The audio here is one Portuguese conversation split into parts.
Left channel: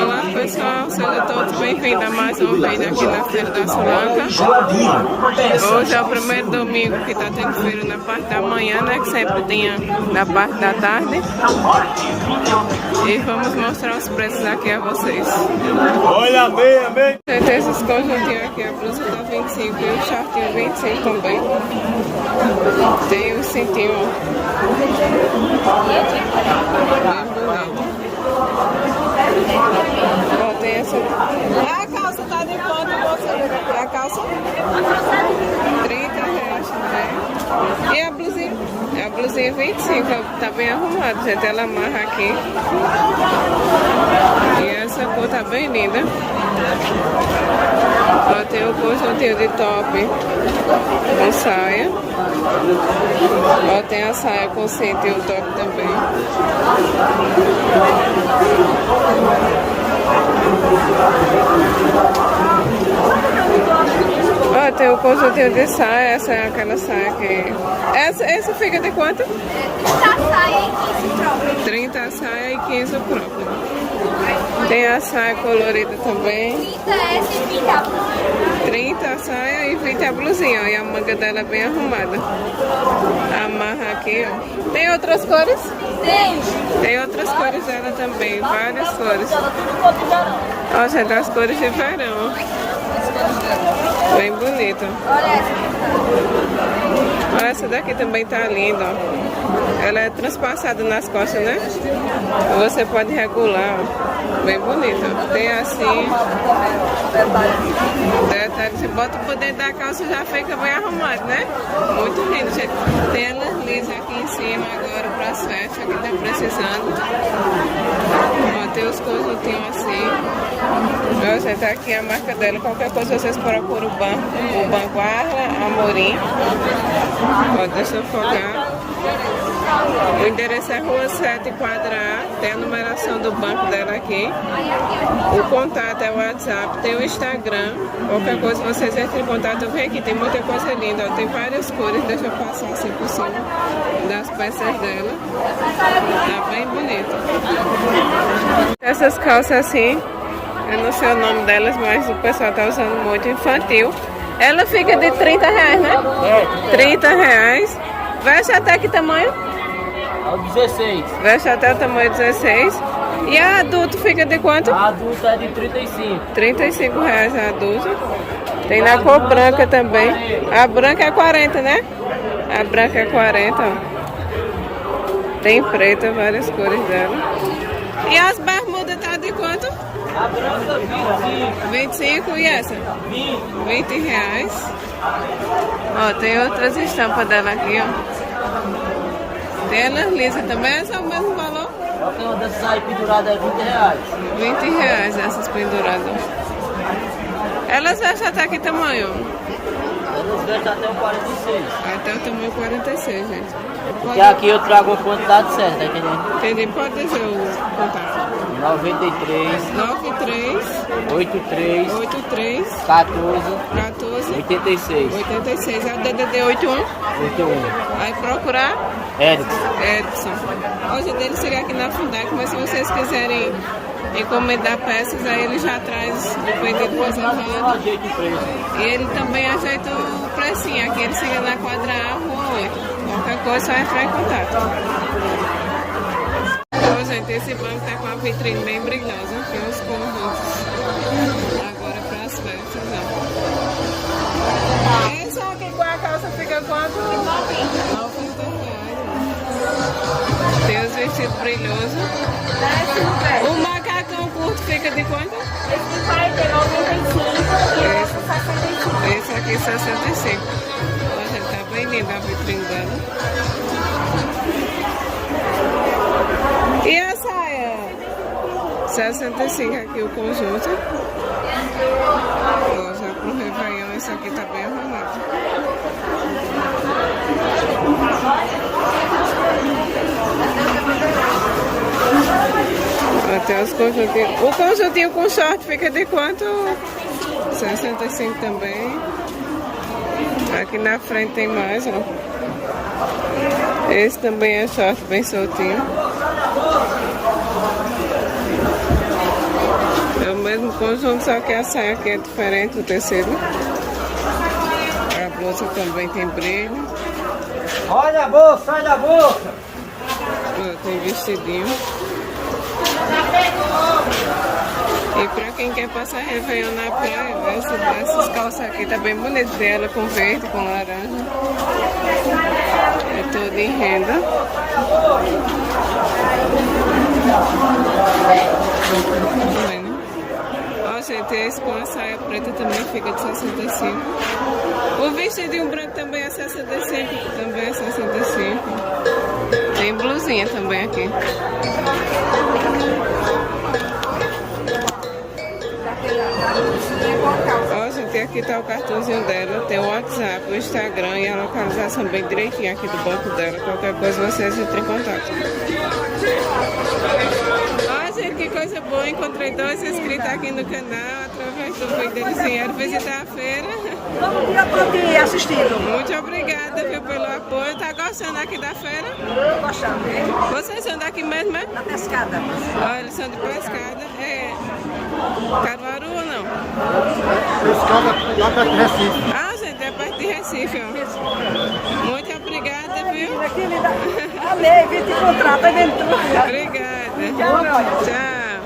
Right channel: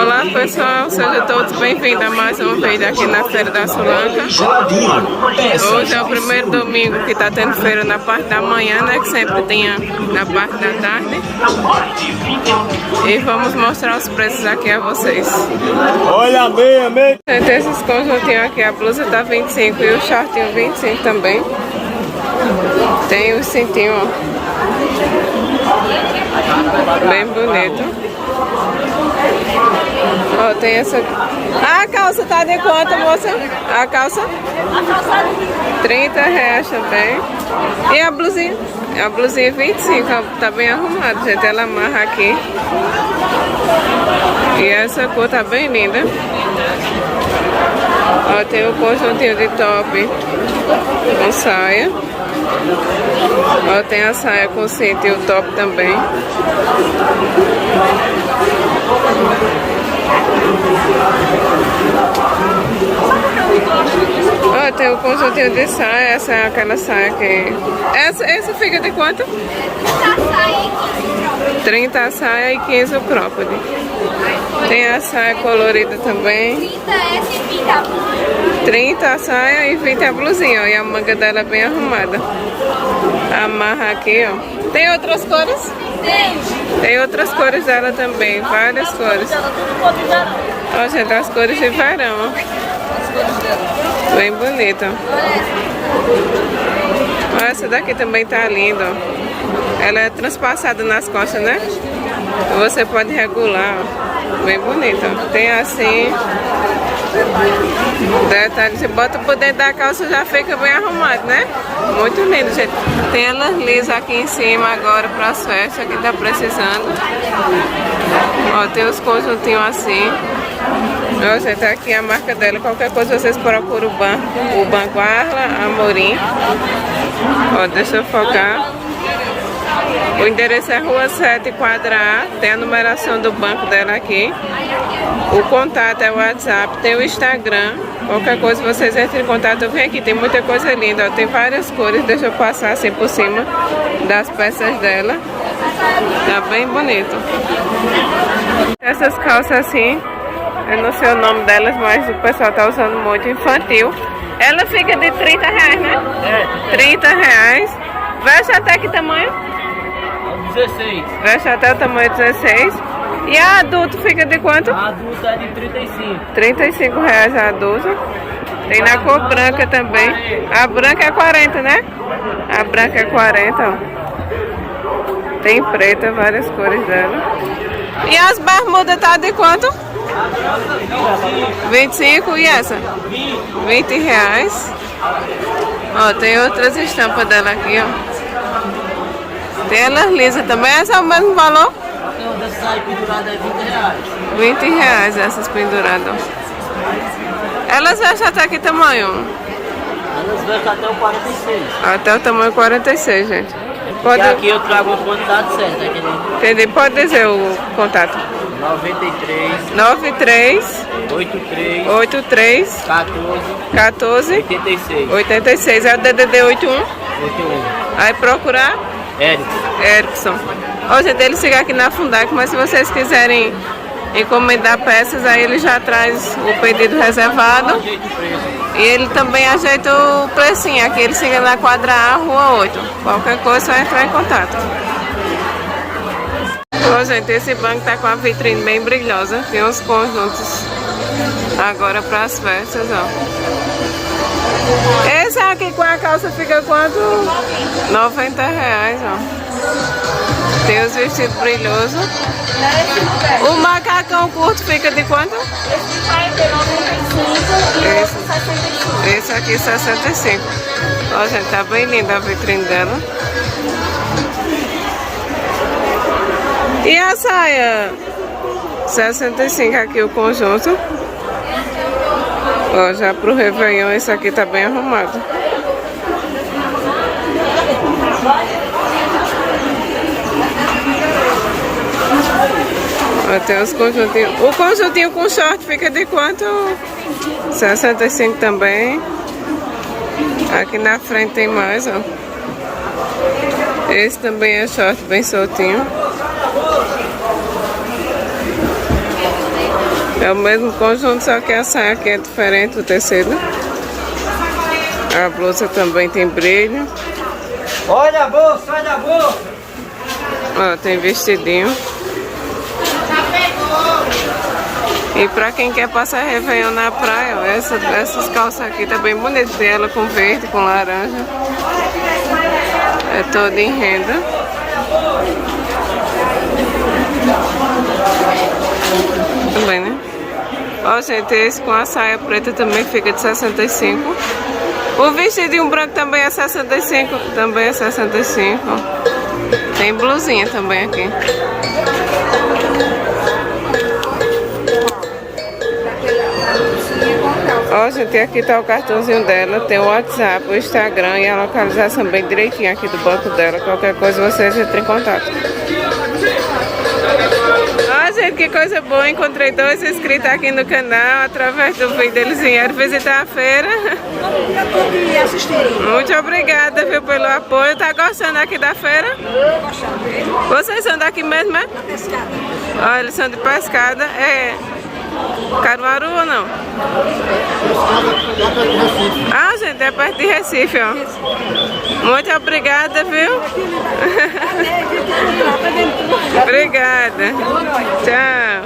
Olá pessoal, sejam todos bem-vindos a mais um vídeo aqui na Feira da Sulanca. Hoje é o primeiro domingo que está tendo feira na parte da manhã, né? Que sempre tinha na parte da tarde. E vamos mostrar os preços aqui a vocês. Olha, amém. Tem esses conjuntinhos aqui, a blusa tá 25 e o shortinho 25 também. Tem o cintinho, ó, bem bonito. Ó, tem essa aqui. Ah, a calça tá de quanto, moça? A calça? R$30 também. E a blusinha? A blusinha 25, ó, tá bem arrumada, gente. Ela amarra aqui. E essa cor tá bem linda. Ó, tem o conjuntinho de top com saia. Ó, tem a saia com cinto e o top também. Ó, tem o conjuntinho de saia. Essa é aquela saia que... Essa fica de quanto? 30 a saia e 15 o cropped. Tem a saia colorida também. 30 a saia e 20 a blusinha, ó. E a manga dela é bem arrumada. Amarra aqui, ó. Tem outras cores? Tem outras cores dela também, várias cores. Ó, gente, as cores de verão, ó. Bem bonito. Ó, essa daqui também tá linda, ó. Ela é transpassada nas costas, né? Você pode regular, ó. Bem bonita. Tem assim. Detalhe, você bota por dentro da calça, já fica bem arrumado, né? Muito lindo, gente. Tem elas lisas aqui em cima agora para as festas que tá precisando. Ó, tem os conjuntinhos assim. Ó, gente, aqui a marca dela. Qualquer coisa vocês procuram o Banco Arla Amorim. Ó, deixa eu focar. O endereço é Rua 7, quadra A. Tem a numeração do banco dela aqui. O contato é o WhatsApp, tem o Instagram. Qualquer coisa vocês entrem em contato. Vem aqui, tem muita coisa linda, ó. Tem várias cores. Deixa eu passar assim por cima das peças dela. Tá bem bonito. Essas calças assim, eu não sei o nome delas, mas o pessoal tá usando muito, infantil. Ela fica de R$30, né? É. R$30. Veste até que tamanho? 16. Veste até o tamanho 16. E a adulto fica de quanto? A adulta é de 35. R$35 a adulto. Tem na cor branca também. A branca é 40, né? A branca é 40, ó. Tem preta, várias cores dela. E as bermudas tá de quanto? 25 e essa? R$20. Ó, tem outras estampas dela aqui, ó. Tem elas lisas também. Essa é o mesmo valor? Tem uma dessas aí pendurada é R$20. R$20 essas penduradas. Elas vestem até que tamanho? Elas vestem até o 46. Até o tamanho 46, gente. Pode... E aqui eu trago a quantidade certa. Entendi. Pode dizer o contato. 93 83 14 86. É o DDD 81? Aí procurar? Erickson. Ó, gente, ele chega aqui na Fundac, mas se vocês quiserem encomendar peças, aí ele já traz o pedido reservado. E ele também ajeita o precinho. Aqui ele chega na quadra A, Rua 8. Qualquer coisa, só entrar em contato. Ó, gente, esse banco tá com a vitrine bem brilhosa. Tem uns conjuntos agora para as festas, ó. Esse aqui com a calça fica quanto? R$90, ó. Tem os vestidos brilhosos. O macacão curto fica de quanto? Esse aqui 65. Ó, gente, tá bem linda a vitrine dela. E a saia? 65 aqui o conjunto. Ó, já pro Réveillon esse aqui tá bem arrumado. Ó, tem os conjuntinhos. O conjuntinho com short fica de quanto? 65 também. Aqui na frente tem mais, ó. Esse também é short bem soltinho. É o mesmo conjunto, só que a saia aqui é diferente, o tecido. A blusa também tem brilho. Olha a bolsa, olha a bolsa! Ó, tem vestidinho. E pra quem quer passar Réveillon na praia, ó, essas calças aqui tá bem bonitas. Tem ela com verde, com laranja. É toda em renda. Também, né? Ó, gente, esse com a saia preta também fica de 65. O vestidinho branco também é 65. Também é 65. Tem blusinha também aqui. Ó, gente, aqui tá o cartãozinho dela. Tem o WhatsApp, o Instagram e a localização bem direitinho aqui do banco dela. Qualquer coisa vocês entrem em contato. Ó, gente, que coisa boa. Encontrei 2 inscritos aqui no canal. Através do vídeo eles vieram visitar a feira. Eu tô te assistindo. Muito obrigada, viu, pelo apoio. Tá gostando aqui da feira? Tô gostando. Vocês são daqui mesmo, é? Da pescada. Ó, eles são de Pescada. É Caruaru ou não? Ah, gente, é perto de Recife, ó. Muito obrigada, viu? Valeu, vim te encontrar, tá dentro. Obrigada. Tchau.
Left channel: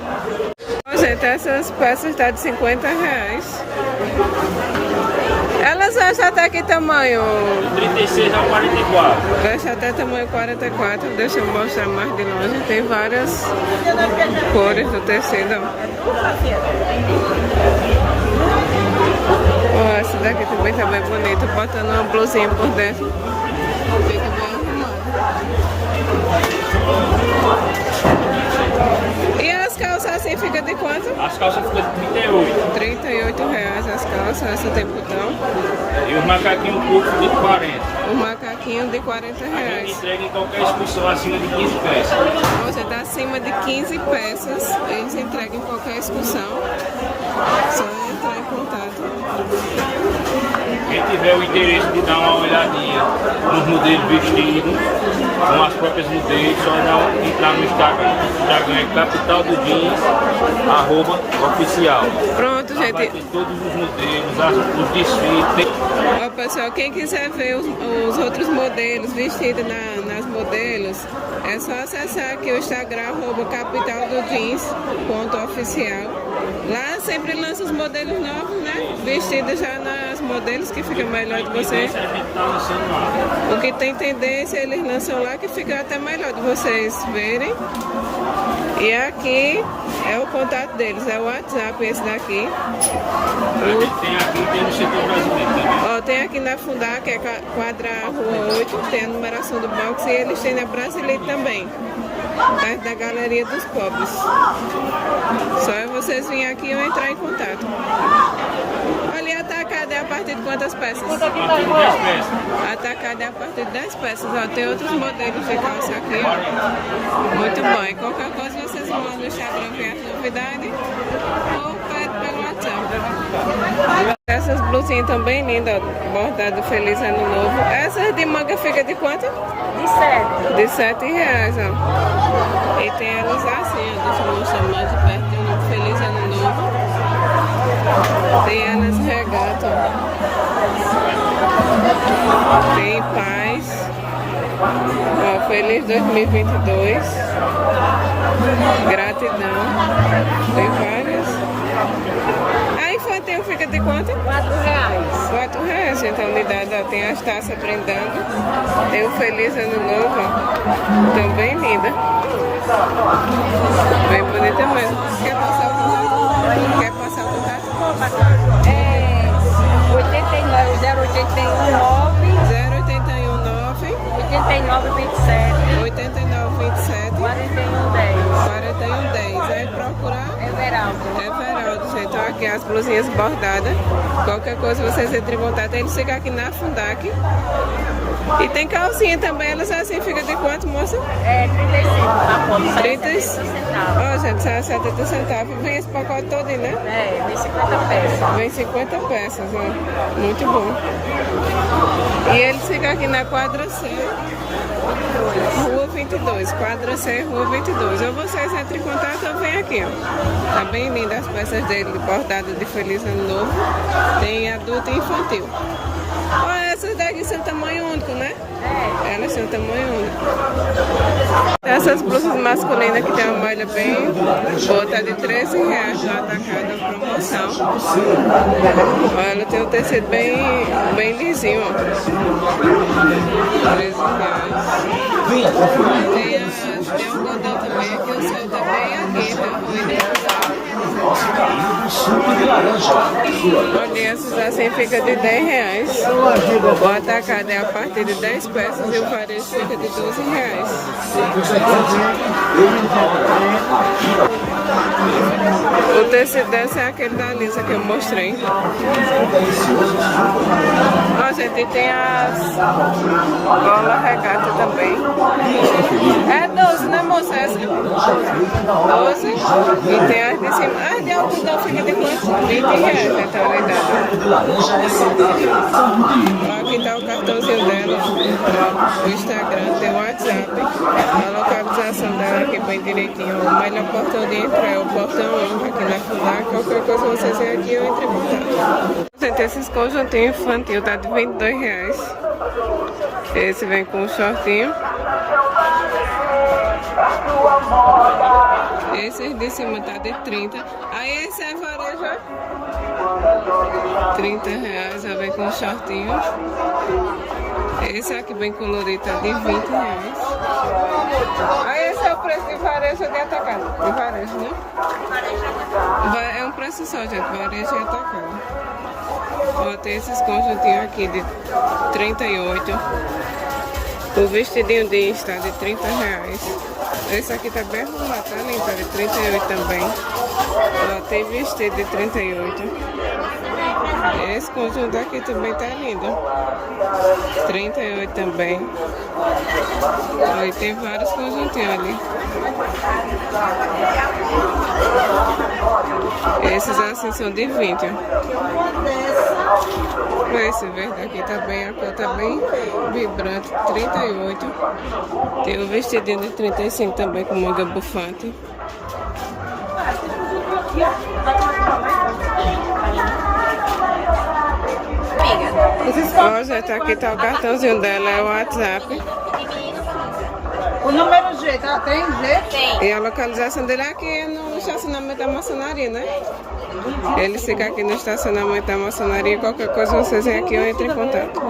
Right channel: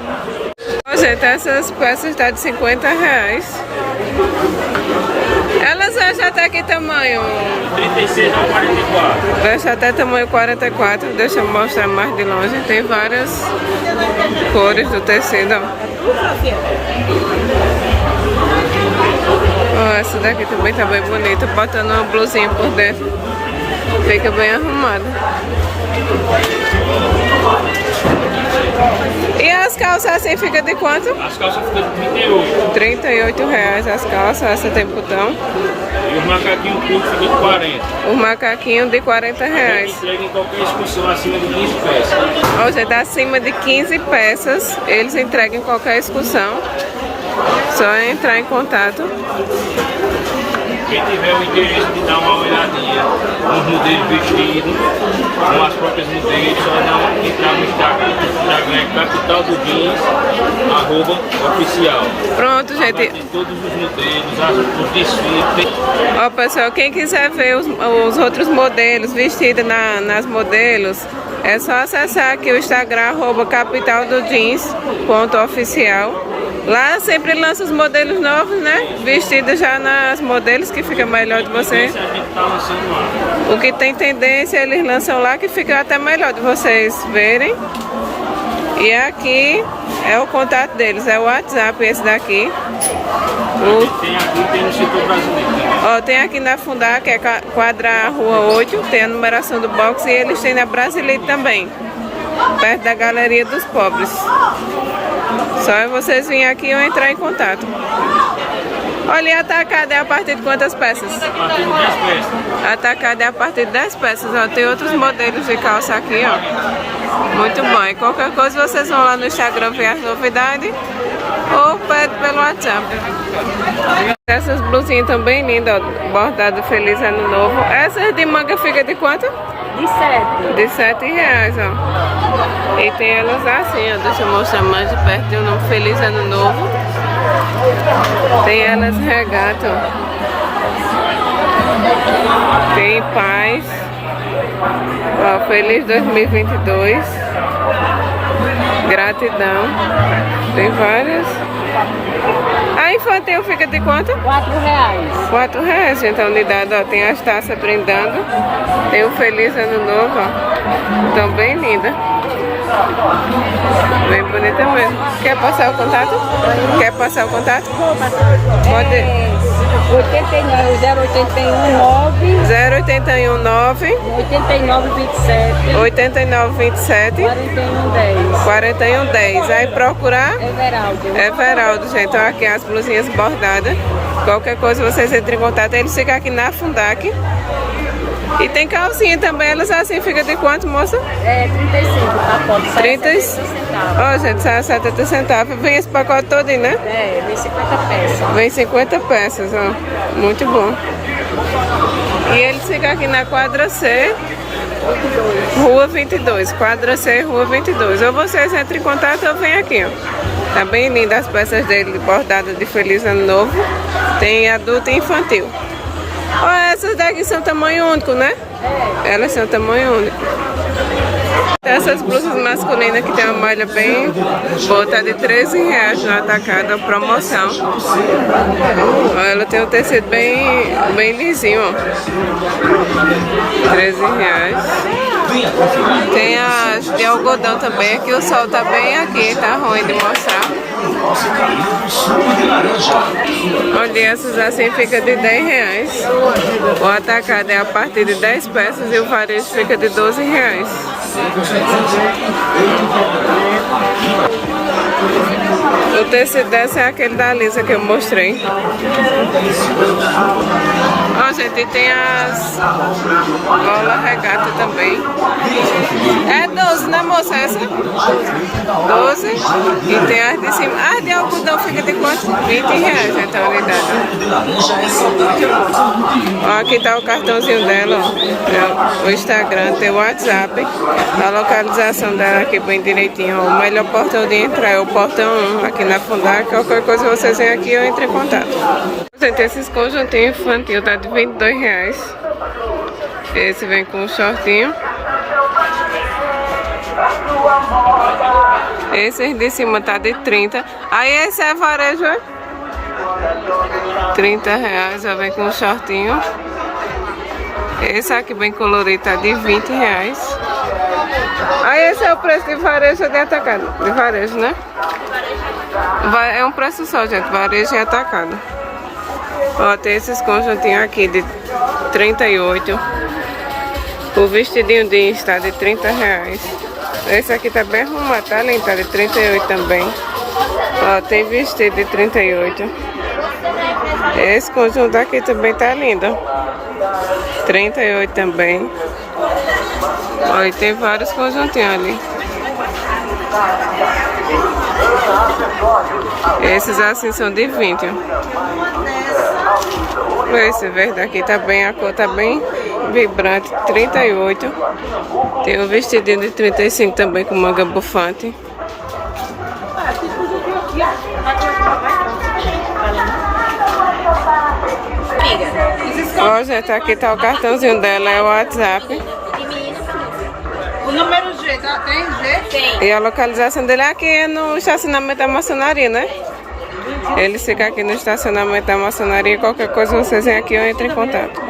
Ó, gente, essas peças estão de 50 reais. Elas acham até que tamanho? 36 a 44. Veste até tamanho 44. Deixa eu mostrar mais de longe. Tem várias cores do tecido, ó. Ó, essa daqui também tá bem bonita. Botando uma blusinha por dentro. Fica bem arrumado. E as calças assim fica de quanto? As calças ficam de 38. 38 reais as calças. Essa tem botão. E os macaquinhos curtos ficam de 40. O macaquinho de 40 reais. Entrega em qualquer excursão acima de 15 peças. Ou seja, tá acima de 15 peças. Eles entregam em qualquer excursão. Só entrar em contato. Quem tiver o interesse de dar uma olhadinha nos modelos vestidos, com as próprias modelos, só não entrar no Instagram. O Instagram é Capital do Jeans, @oficial. Pronto, Lá vai gente. ter todos os modelos, os desfiles. Ó, pessoal, quem quiser ver os outros modelos vestidos nas modelos, é só acessar aqui o Instagram, @capitaldodjeans.oficial. Lá sempre lança os modelos novos, né? Vestidos já nas modelos, que fica melhor de você. A gente tá lançando lá. O que tem tendência, eles lançam lá, que fica até melhor de vocês verem. E aqui é o contato deles, é o WhatsApp esse daqui. Tem aqui, tem no setor brasileiro também. Ó, tem aqui na Fundar, que é quadra Rua 8, tem a numeração do box, e eles têm na Brasilite também, perto da Galeria dos Pobres. Só é vocês virem aqui ou entrar em contato. Olha, e atacada é a partir de quantas peças? A partir de 10 peças. Atacada é a partir de 10 peças, ó. Tem outros modelos de calça aqui, ó. Muito bom. E qualquer coisa vocês vão lá no Instagram ver as novidades ou pede pelo WhatsApp. Essas blusinhas também lindas, ó. Bordado Feliz Ano Novo. Essas de manga fica de quanto? De 7. De 7 reais, ó. E tem elas assim, ó. Deixa eu mostrar mais de perto. Tem o nome Feliz Ano Novo. Tem elas regata, ó. Tem paz. Ó, feliz 2022. Gratidão. Tem várias. A infantil fica de quanto? 4 reais. 4 reais, gente, a unidade, ó. Tem as taças brindando. Tem o Feliz Ano Novo, ó. Tão bem linda. Bem bonita mesmo. Quer passar o contato? Quer passar o contato? Pode. 0819 8927 4110. Aí procurar Everaldo, gente. Então aqui as blusinhas bordadas. Qualquer coisa vocês entrem em contato. Eles ficam aqui na Fundac. E tem calcinha também. Elas assim ficam de quanto, moça? 35. 30. Ó, gente, são 70 centavos. Vem esse pacote todinho, né? Vem 50 peças. Vem 50 peças, ó. Muito bom. E ele fica aqui na quadra C, Rua 22. Quadra C, Rua 22. Ou vocês entram em contato ou vem aqui, ó. Tá bem linda as peças dele, bordado de Feliz Ano Novo. Tem adulto e infantil. Ó, essas daqui são tamanho único, né? Elas são tamanho único. Essas blusas masculinas que tem uma malha bem boa, tá de R$13 no atacado, promoção. Ó, ela tem um tecido bem lisinho, ó. R$13. Tem as de algodão também, aqui o sol tá bem aqui, tá ruim de mostrar. Olha, essas assim fica de R$10. O atacado é a partir de 10 peças e o varejo fica de R$12. O tecido dessa é aquele da Lisa que eu mostrei. Ó, gente, tem as gola regata também. É 12, né, moça? Essa? 12. E tem as de cima. As de algodão fica de quanto? R$20, então, a unidade. Ó, aqui tá o cartãozinho dela, ó. É o Instagram, tem o WhatsApp. A localização dela aqui bem direitinho. Ó. O melhor portão de entrar é o portão 1, aqui na Fundar. Qualquer coisa vocês vêm aqui ou entrem em contato. Gente, esses conjuntinhos infantil tá de R$22. Esse vem com um shortinho. Esse de cima tá de 30. Aí esse é varejo, é? R$30, já vem com um shortinho. Esse aqui bem colorido tá de R$20. Aí esse é o preço de varejo de atacado. De varejo, né? É um preço só, gente. Varejo e atacado. Ó, tem esses conjuntinhos aqui de 38. O vestidinho jeans tá de R$30. Esse aqui tá bem arrumado, tá lindo, tá de 38 também. Ó, tem vestido de 38. Esse conjunto aqui também tá lindo. 38 também. Ó, e tem vários conjuntinhos ali. Esses assim são de 20. Esse verde aqui tá bem, a cor tá bem vibrante, 38. Tem um vestidinho de 35 também com manga bufante. Ó, gente, aqui tá o cartãozinho dela, é o WhatsApp. O número G, tá? 3G? Tem. E a localização dele aqui é no estacionamento da maçonaria, né? Ele fica aqui no estacionamento da maçonaria. Qualquer coisa vocês vêm aqui ou entrem em contato.